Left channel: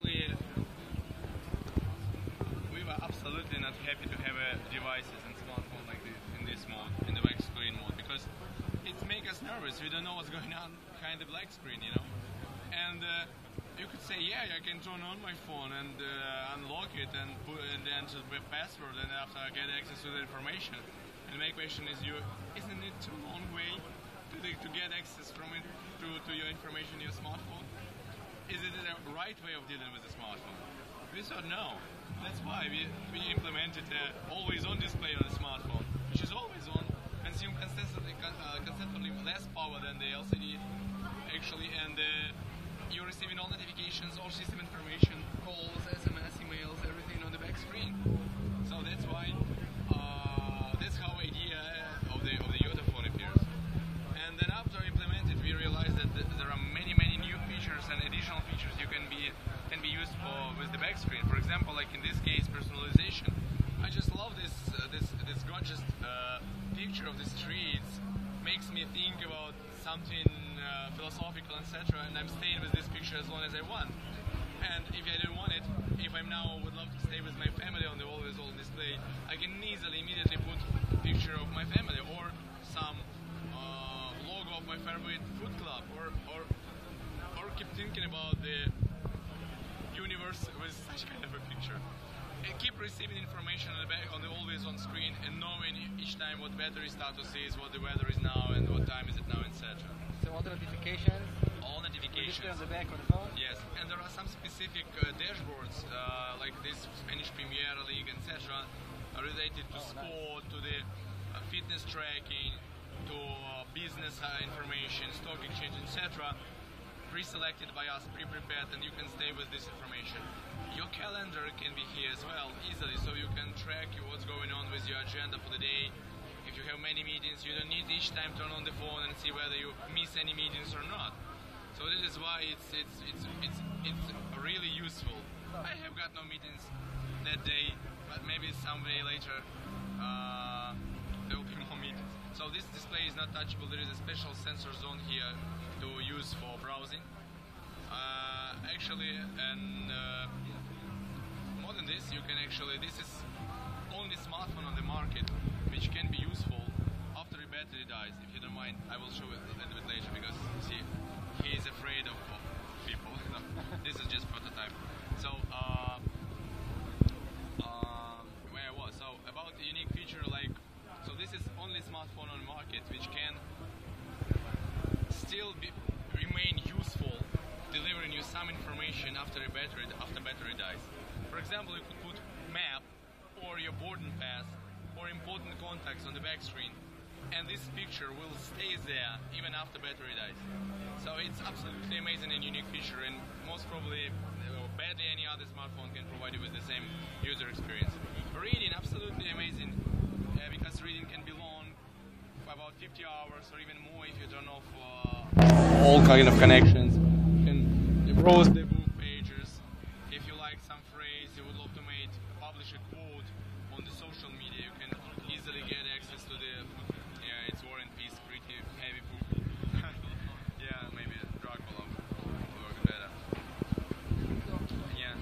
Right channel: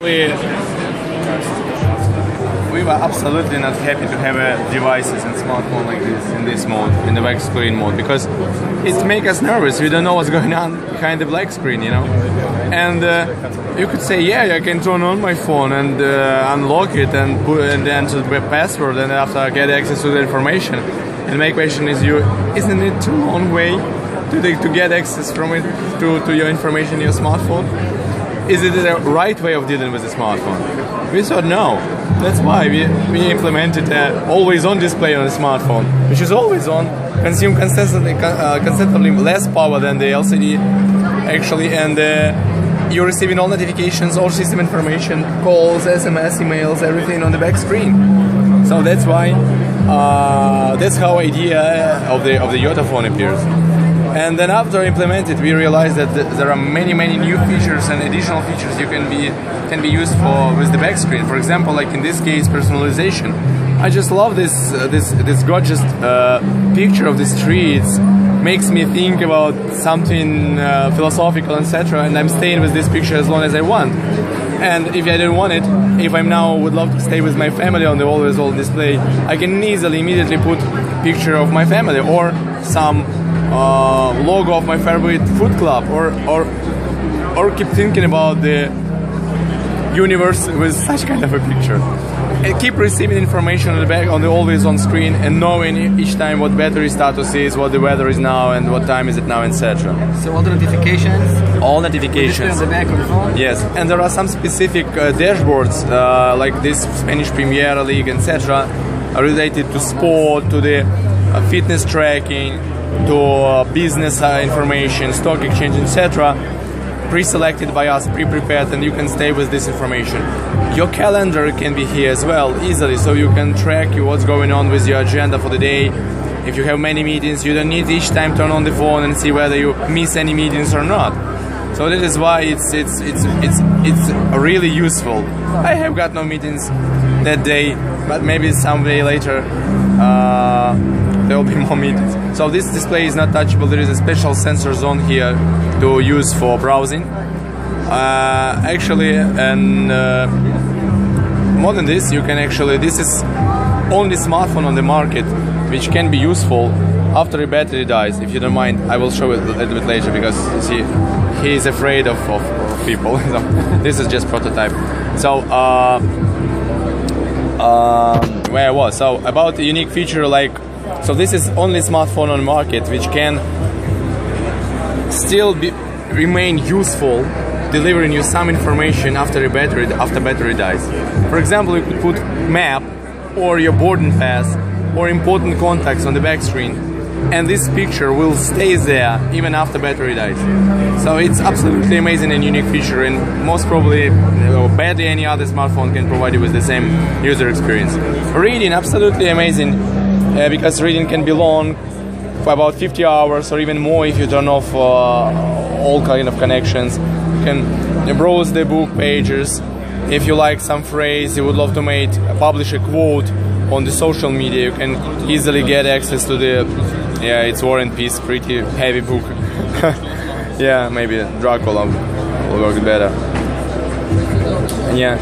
We were absolutely not happy to have devices and smartphone like this in this mode, in the black screen mode, because it makes us nervous. We don't know what's going on behind the black screen, you know. And you could say, yeah, I can turn on my phone and unlock it and enter the password, and after I get access to the information. And my question is, isn't it too long way to get access from it to your information in your smartphone? Is it the right way of dealing with the smartphone? We thought no. That's why we implemented always on display on the smartphone, which is always on, consume constantly less power than the LCD actually, and you're receiving all notifications, all system information, calls, SMS, emails, everything on the back screen. So that's why that's how idea of the Yotaphone appears. And then after implemented, we realized that there are many new features and additional features you can be used for with the back screen. For example, like in this case, personalization. I just love this gorgeous picture of the streets. Makes me think about something philosophical, etc. And I'm staying with this picture as long as I want. And if I don't want it, if I'm now would love to stay with my family on the always on display, I can easily immediately put picture of my family or some logo of my favorite food club, or keep thinking about the universe with such kind of a picture. And keep receiving information on the back, on the always on screen, and knowing each time what battery status is, what the weather is now, and what time is it now, etc. So all the notifications? All notifications. On the back of the phone? Yes, and there are some specific dashboards, like this Spanish Premier League, etc., related to sport, to the fitness tracking, to business information, stock exchange, etc., pre-selected by us, pre-prepared, and you can stay with this information. Your calendar can be here as well, easily, so you can track what's going on with your agenda for the day. If you have many meetings, you don't need each time turn on the phone and see whether you miss any meetings or not. So that is why it's really useful. I have got no meetings that day, but maybe someday later there will be more meetings. So this display is not touchable. There is a special sensor zone here to use for browsing. Actually, and more than this, you can actually, this is only smartphone on the market which can be useful after the battery dies. If you don't mind, I will show it a little bit later, because you see, he is afraid of people. So this is just prototype. So where I was. So about the unique feature, like, so this is only smartphone on the market which can still remain useful, delivering you some information after battery dies. For example, you could put map or your boarding pass or important contacts on the back screen, and this picture will stay there even after battery dies. So it's absolutely amazing and unique feature, and most probably barely any other smartphone can provide you with the same user experience. Reading, absolutely amazing, because reading can be long, for about 50 hours or even more if you turn off all kind of connections. You can browse the book pages. If you like some phrase, you would love to publish a quote on the social media, you can easily get access to the, yeah, it's War and Peace, pretty heavy book. Yeah, maybe Dracula will work better. Yeah.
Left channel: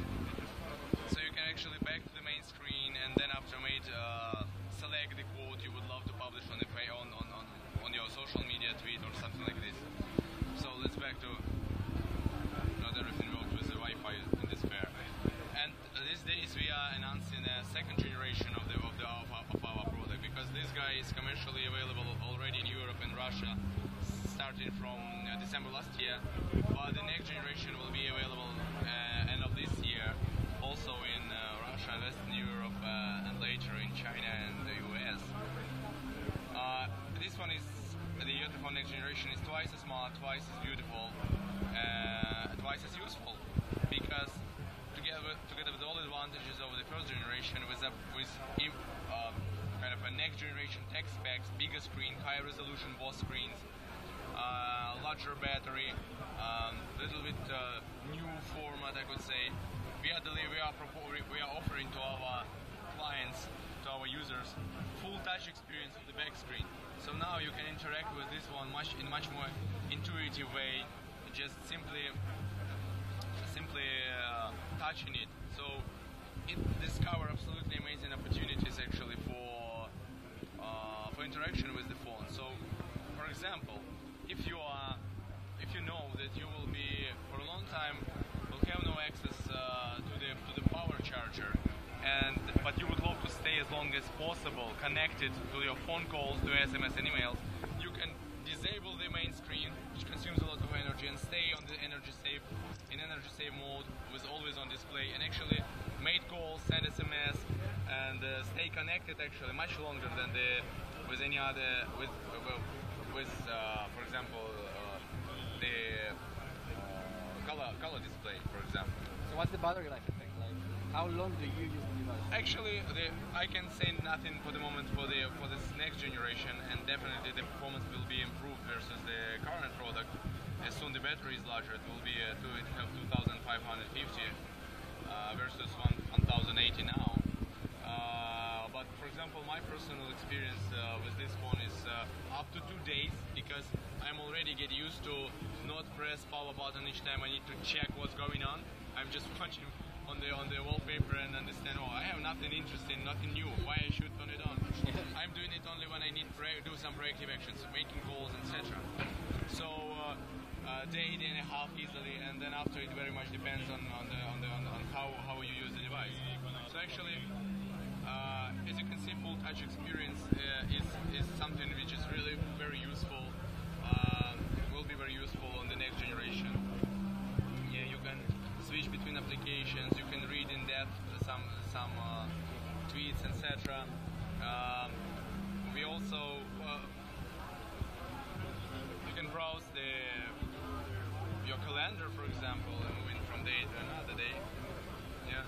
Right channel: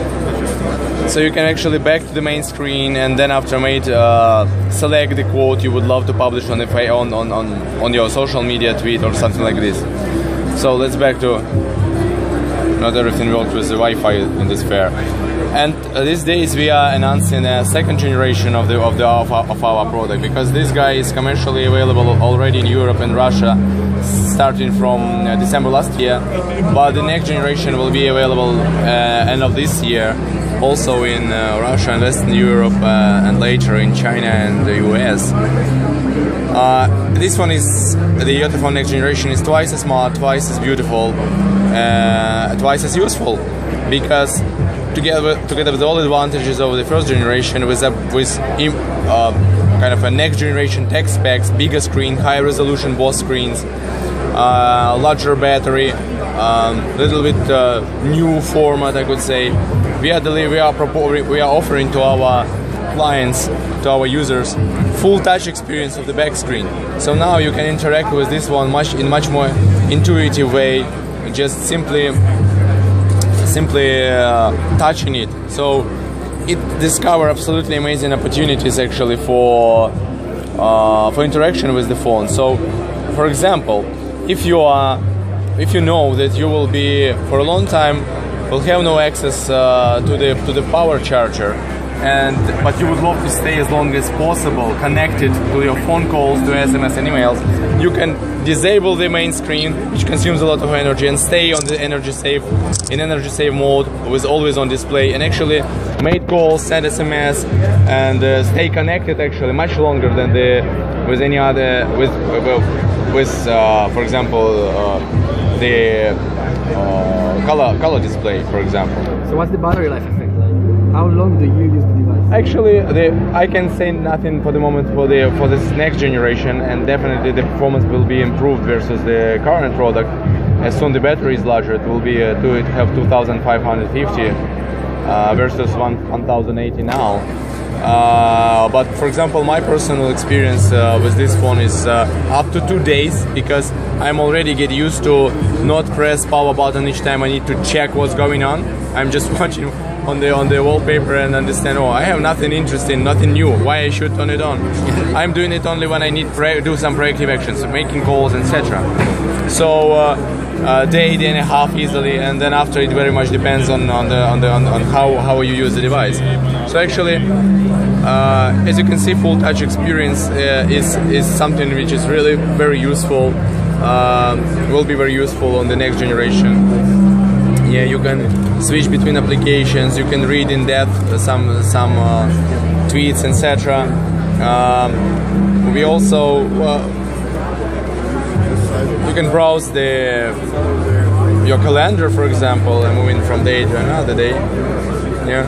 So you can actually back to the main screen, and then after select the quote you would love to publish on your social media tweet or something like this. So let's back to, not everything works with the Wi-Fi in this fair. And these days we are announcing a second generation of our product, because this guy is commercially available already in Europe and Russia, starting from December last year. But the next generation will be available end of this year, also in Russia and Western Europe, and later in China and the US. This one is, the Yotaphone next generation is twice as smart, twice as beautiful, twice as useful, because together with all the advantages of the first generation, with kind of a next generation tech specs, bigger screen, high resolution both screens, larger battery, little bit new format, I could say. We are offering to our clients, to our users, full touch experience of the back screen. So now you can interact with this one in much more intuitive way. Just simply simply touching it. So it discover absolutely amazing opportunities actually for interaction with the phone. So, for example, if you know that you will be for a long time will have no access to the power charger, but you would love to stay as long as possible connected to your phone calls, to SMS and emails, you can disable the main screen, which consumes a lot of energy, and stay on the energy save mode with always on display, and actually make calls, send SMS, and stay connected actually much longer than with any other for example the color display, for example. So what's the battery life effect like? How long do you use the device? Actually, I can say nothing for the moment for this next generation, and definitely the performance will be improved versus the current product. As soon the battery is larger, it will be it have 2,550 versus 1,080 now. But for example, my personal experience with this phone is up to 2 days, because I'm already get used to not press power button each time I need to check what's going on. I'm just watching on the wallpaper and understand, oh, I have nothing interesting, nothing new, why I should turn it on. I'm doing it only when I need do some proactive actions, making calls, etc. So day and a half easily, and then after it very much depends on how you use the device. So actually, as you can see, full touch experience is something which is really very useful. Will be very useful on the next generation. Yeah, you can switch between applications. You can read in depth some tweets, etc. We also you can browse your calendar, for example, and moving from day to another day. Yeah.